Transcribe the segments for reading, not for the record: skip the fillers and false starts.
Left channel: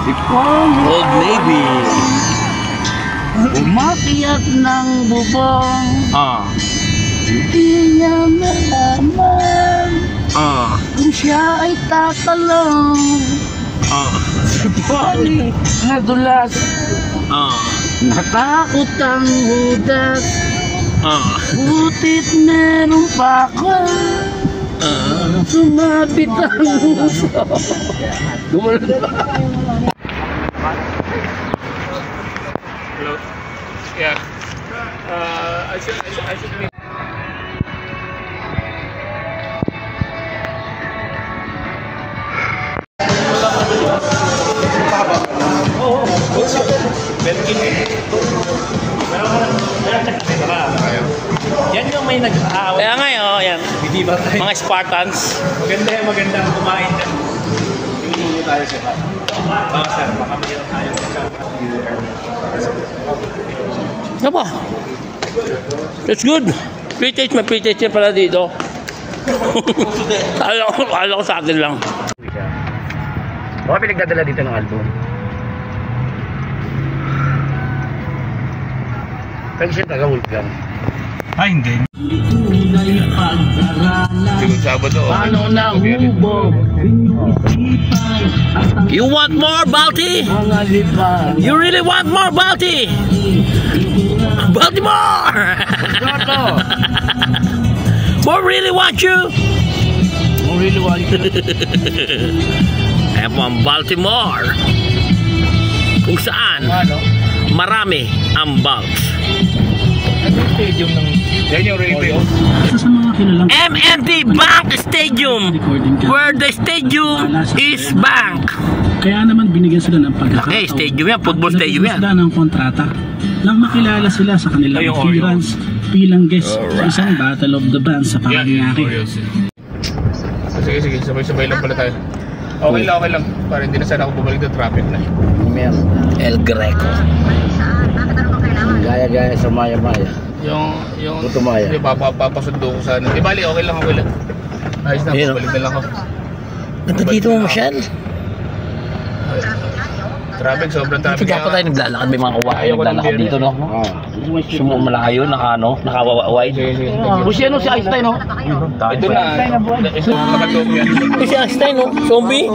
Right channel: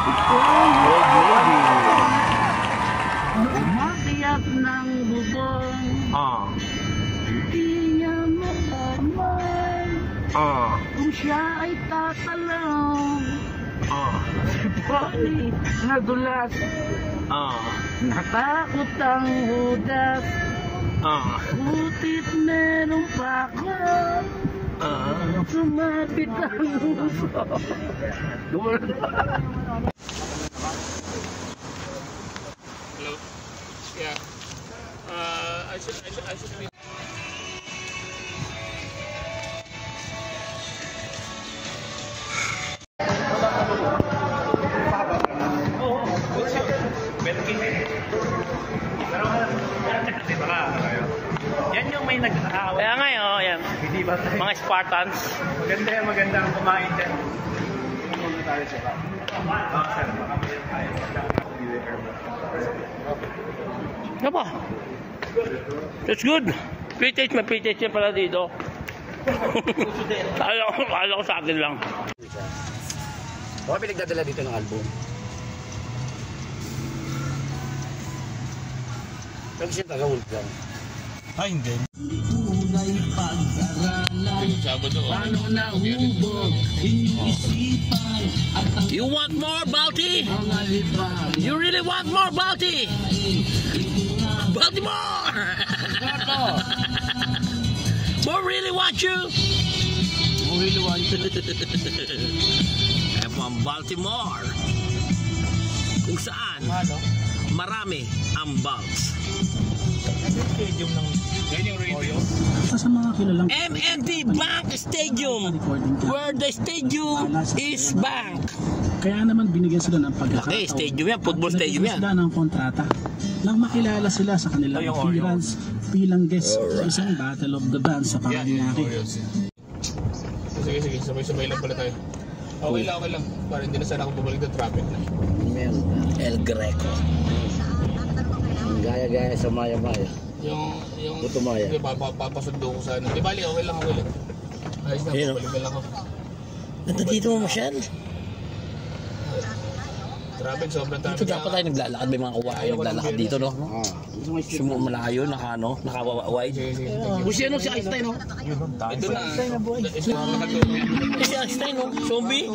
Old Navy. Umakyat ng bubong, hindi niya malaman kung siya ay tatalong. Bali, nadulas, natakot ang hudas, butit meron pa ako, sumabit ang uso. Dumalan pa. Hello? Yeah. I should be. Yan yung may nag-aaway. Kaya nga yun, yan. Mga Spartans. Maganda ang kumain dyan. Hindi tayo sa ba? Sir, baka mayroon tayo sa Ano ba? That's good. Pre-taste, may pre-taste pala dito. Alam ko sa akin lang. Baka pinagdadala dito ng album. Pero siya taga-Wolfgang. Ay, hindi. Sabado. Ano na hubog? You want more, Balti? You really want more, Balti? Baltimore! More really want you? Mo really want you? Ewan ang Baltimore. Kung saan marami ang Balts. Stadium ng... Yan yung radio. MNT Bank Stadium, where the stadium is bank. Kaya naman binigyan sila ng pagkakataon. Stadium yan, football stadium yan. Sila ng kontrata nang makilala sila sa kanilang appearance bilang guest sa isang Battle of the Bands sa pangyayari. Sige, sabay-sabay lang pala tayo. Okay lang. Para hindi na sana ako bumalik ng traffic na. El Greco. Gaya-gaya sa Maya-Maya. Yung Butumaya. Hindi, papasundo ko sana. Di bali, okay lang. Ayos na, bumalik na lang ako. Ganda dito mo, Michelle. Traffic, sobrang traffic. Dapat tayo naglalakad, may mga kuwain naglalakad dito, no? Malayo, naka-wide. Kung siya si Einstein, no? Ito na, naka-dope yan. Si Einstein, no? Zombie?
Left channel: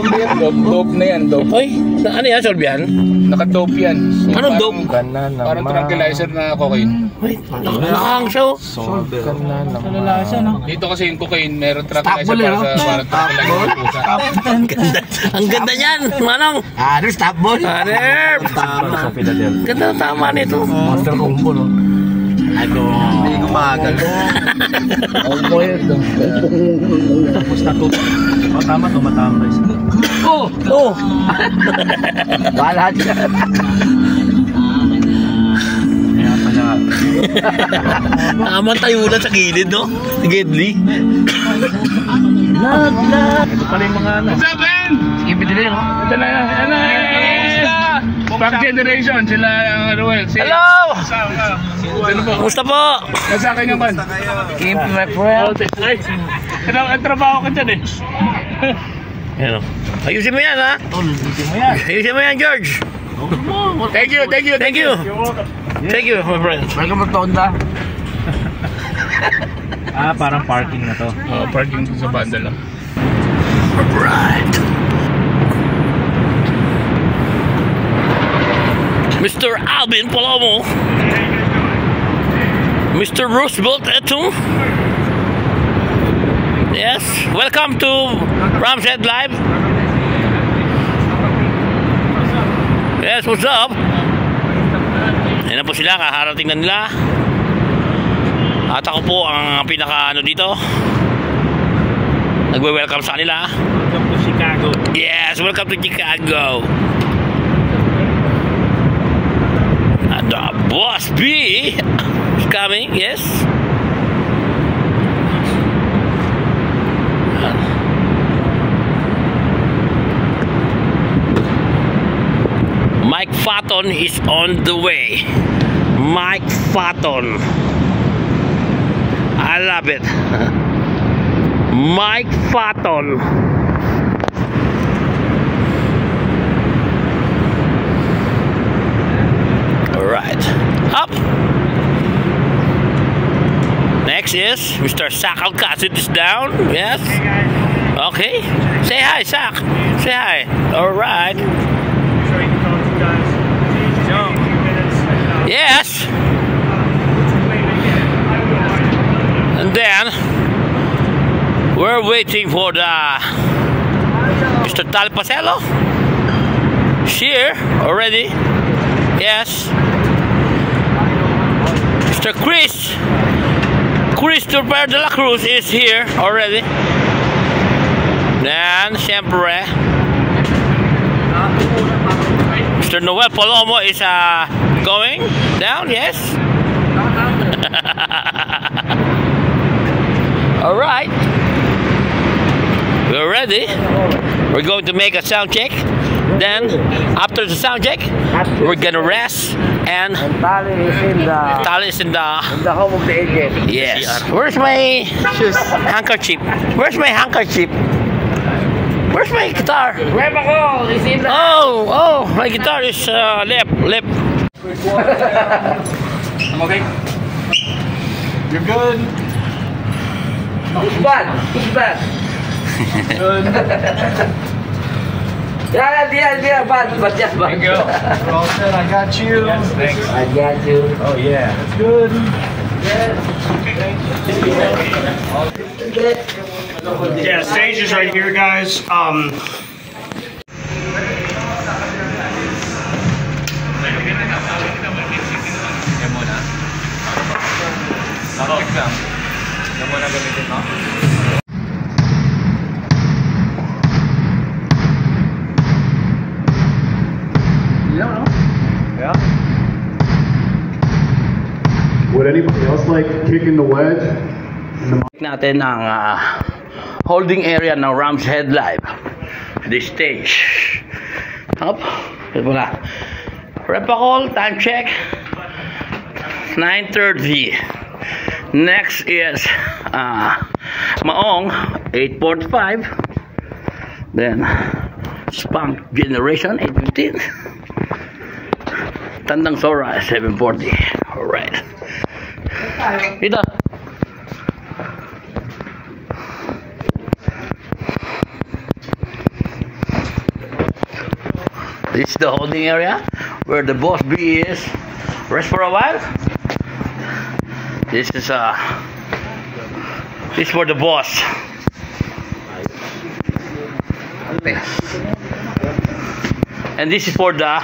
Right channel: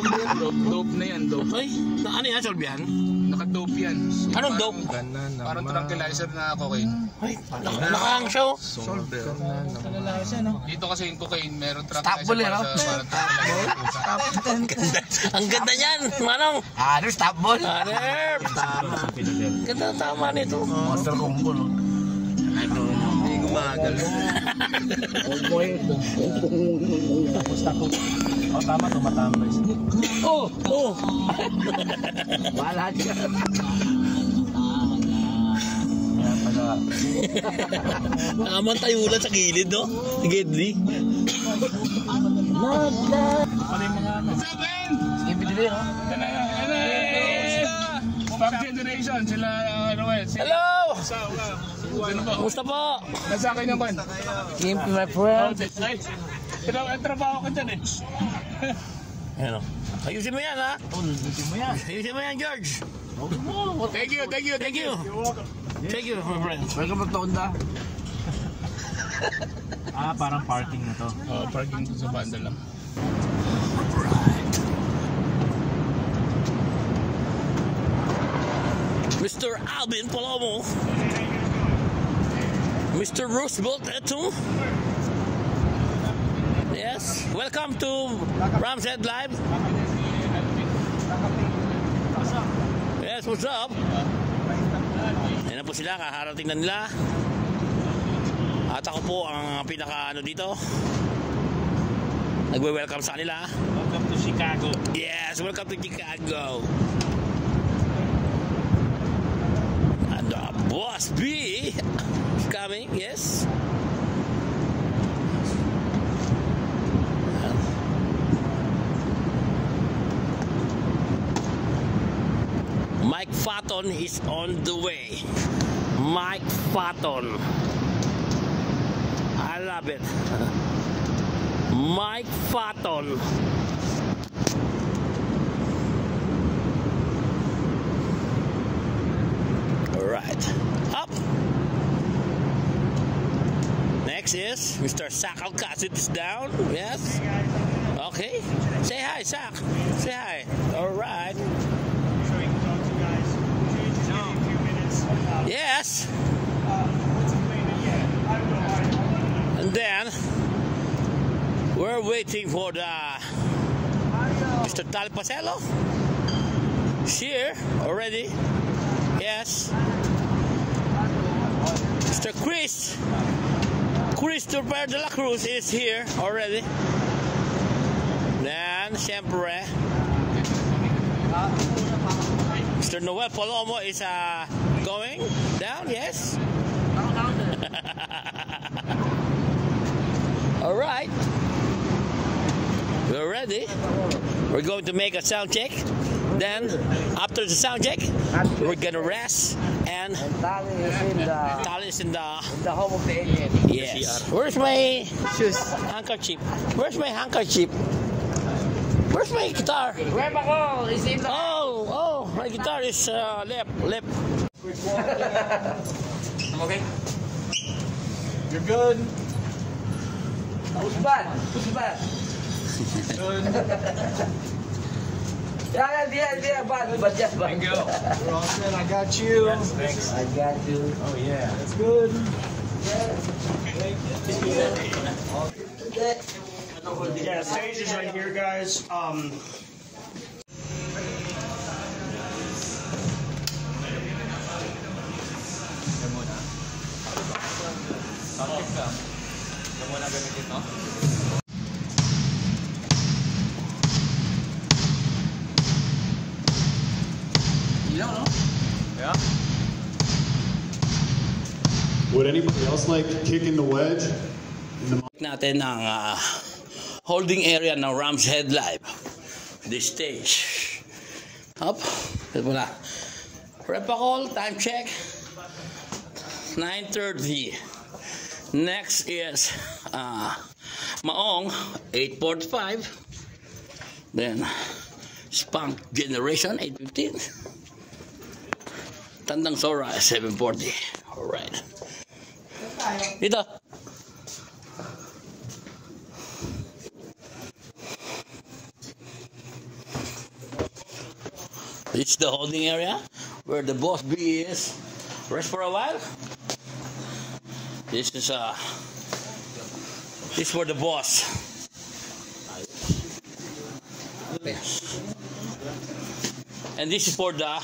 Dope na yan, dope. Ay, ano yan, Solve yan? Naka-dope yan. Anong dope? Parang tranquilizer na cocaine. Ay, nakahang siya, oh. Dito kasi yung cocaine, meron tranquilizer para parang tranquilizer. Ang ganda niyan, Manong. Ano, stop ball? Tama. Ganda, tama nito. Monster combo, no? Ano? Hindi gumagal. Combo yun. Tapos na to. Tama, tumatambay siya. Oh! Wala dyan. Kaya pala. Tama tayo ulan sa gilid, no? Si Gedli. Ito pala yung mga ano. What's up, man? Ibidili, no? Ito na yan. Back generation, sila ang Ruel. Hello! Ano po? Kumusta po? Nasa akin yung kan? Keep my friend. Trabaho ko dyan eh. Yan, ayusin mo yan, ha? Ayusin mo yan, George. Thank you. Thank you, my friend. Welcome to Tonda. Parang parking na to. Parking sa banda lang. Right. Mr. Alvin Palomo. Mr. Roosevelt Etung. Yes, welcome to Ramshead Live. Yes, what's up? Yan na po sila, kaharating na nila. At ako po ang pinaka dito. Nagwe-welcome sa kanila. Welcome to Chicago. Yes, welcome to Chicago. And Boss B is coming, yes. Mike Fatton is on the way. Mike Fatton. I love it. Mike Fatton. is Mr. Sak Alcacid is down. Yes. Okay. Say hi, Sak. Say hi. All right. Sure you can talk to you guys. A few minutes. Yes. And then we're waiting for the Mr. Talpasello. Here already. Yes. Mr. Christopher de la Cruz is here already. And siyempre Mr. Noel Palomo is going down, yes. Alright. We're ready. We're going to make a sound check. Then, after the sound check, we're gonna rest and Tali is in the home of the agent. yes. Where's my handkerchief? Where's my handkerchief? Where's my guitar? Where ako? Is in the... Oh, my guitar is lip. I'm okay. You're good. Who's bad? Good. Yeah, bad, but just bad. Thank you. We're all set. I got you. Yes, thanks. I got you. Oh yeah. It's good. Yeah, stage is right here, guys. Yeah. Would anybody else like kicking the wedge? Natin ang holding area ng Rams Head Live. The stage. Up. Ito na. Repacol, time check. 9:30. Next is Maong, 8:45. Then Spunk Generation, 8:15. Tandang Sora, 7:40. Alright. Dito. This is the holding area where the boss B is. Rest for a while. This is for the boss. And this is for the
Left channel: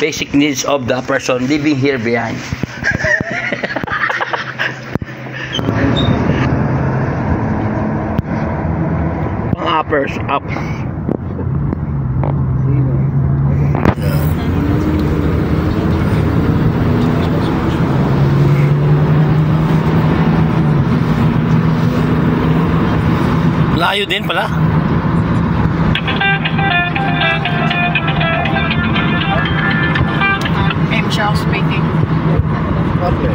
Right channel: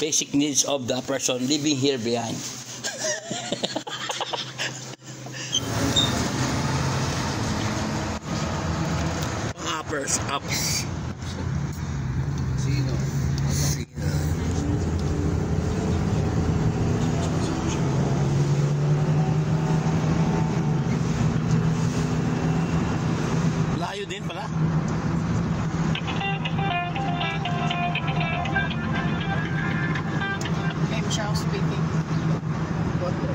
basic needs of the person living here behind. Ups. Layo din pala. Charles speaking. Okay.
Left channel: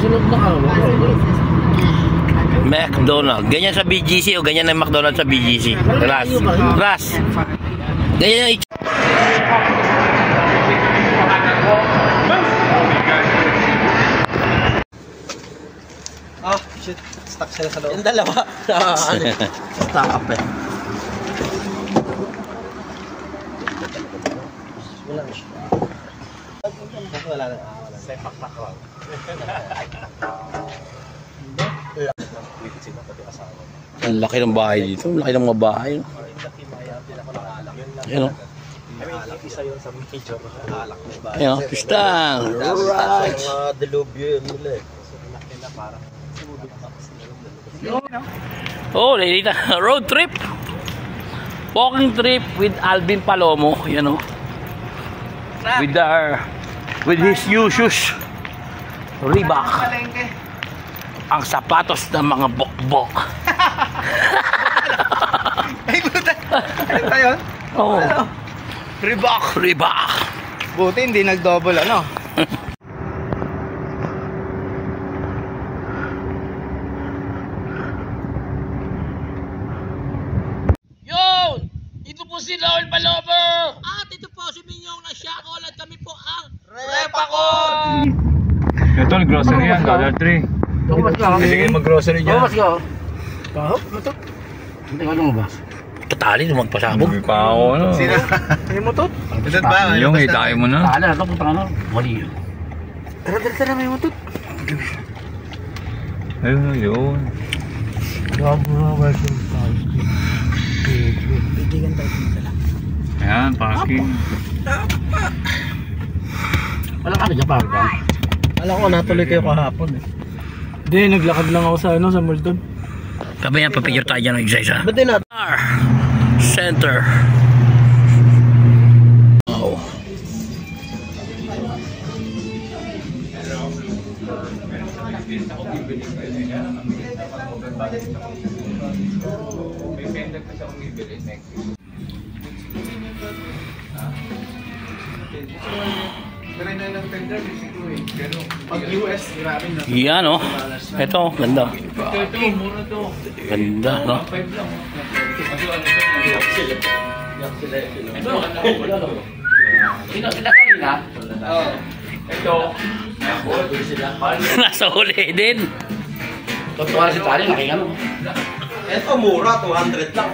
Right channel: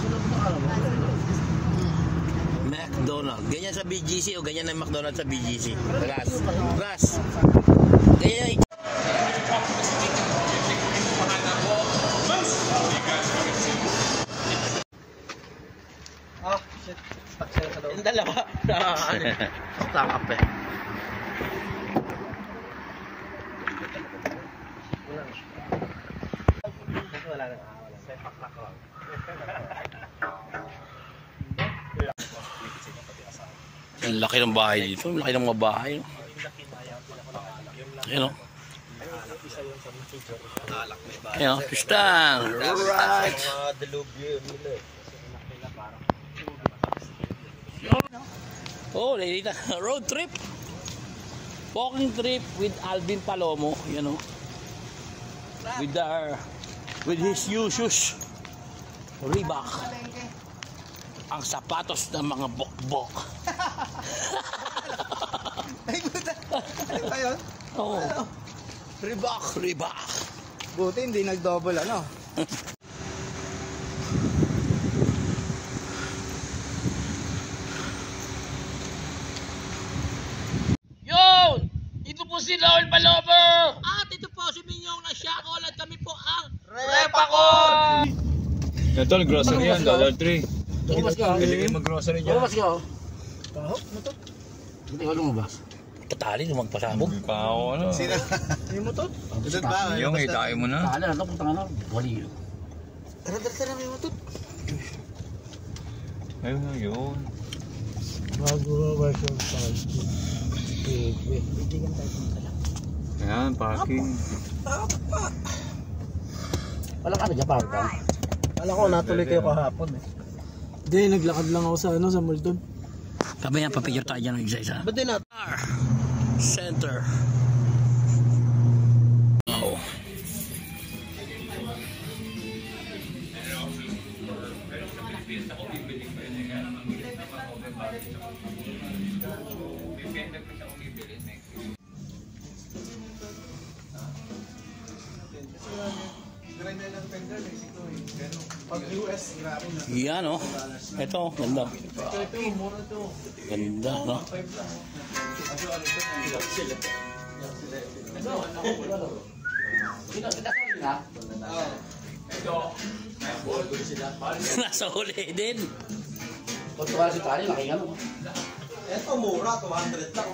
Sunod na ka. McDonald's. Ganyan sa BGC o ganyan ang McDonald's sa BGC? Ras. Ganyan yung Shit. Stuck sila sa loob. Yung dalawa. Stuck up eh. Ang laki ng bahay dito. Ang laki ng mga bahay. Ayan o. Ayan o. Pistang. Alright. Oh, Lelita. Road trip. Walking trip with Alvin Palomo. Ayan o. With his new shoes. Reebok. Ang sapatos ng mga bokbok. Ay, buta. Ano ba yun? Oh. Reebok. Buti hindi nag-double ano. Yo! Ito po si Noel Palomo! At ito po si Minyong na Shakol at kami po ang Ito, grocery yan, Dollar Tree. Tumas ka. Pwede kayo mag-grocery dyan. Tumas ka. Kahap, ito. Hindi ka nung ba? Tatali naman pasabog. Hindi pa ako, ano. Ano mo to? Yung hitayin mo na. Tala na to, punta ka na. Wali yun. Tara, may mo to. Ayun, yun. Ayan, parking. Wala ka na dyan, parang. Alam ko, natuloy kayo kahapon eh. Hindi, naglakad lang ako sa sa mall doon. Kami yan, papicture tayo dyan ng isa-isa. Ba't din natin? Center. Wow. Pag US, grabe na. Yan oh. Ito, ganda. Ganda, no? Nasa huli din. Totoo si Tali, nakikano. Ito mura, 200 lang.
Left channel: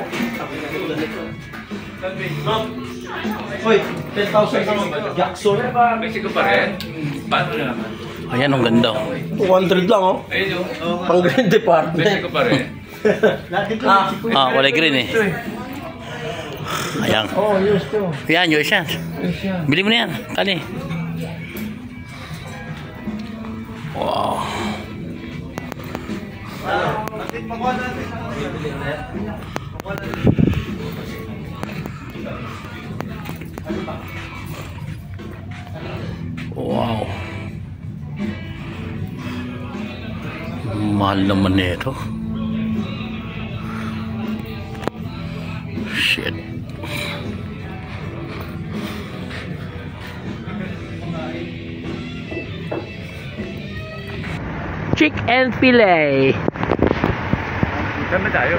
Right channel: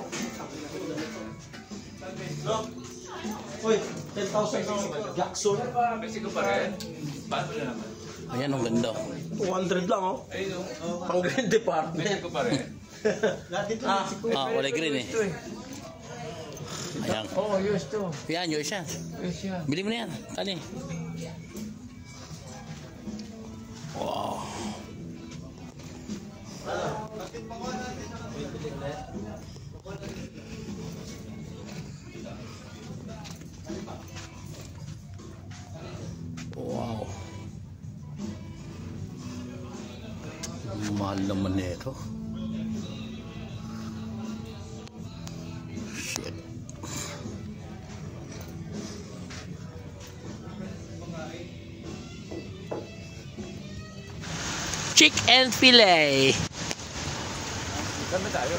Hoy, 10,000 naman ba? Jackson. Mexico pa rin? Paano na naman? Ayan, ang ganda. Oh. 200 lang oh. Ayun, Pang green department. Mexico pa rin. Ah, walay green eh. Ayan. Oh, yes to. Yan, yours yan. Bili mo na yan. Kali. Wow. Wow. Mahal naman nito. Shit. Chick and fillet. Saan ba tayo?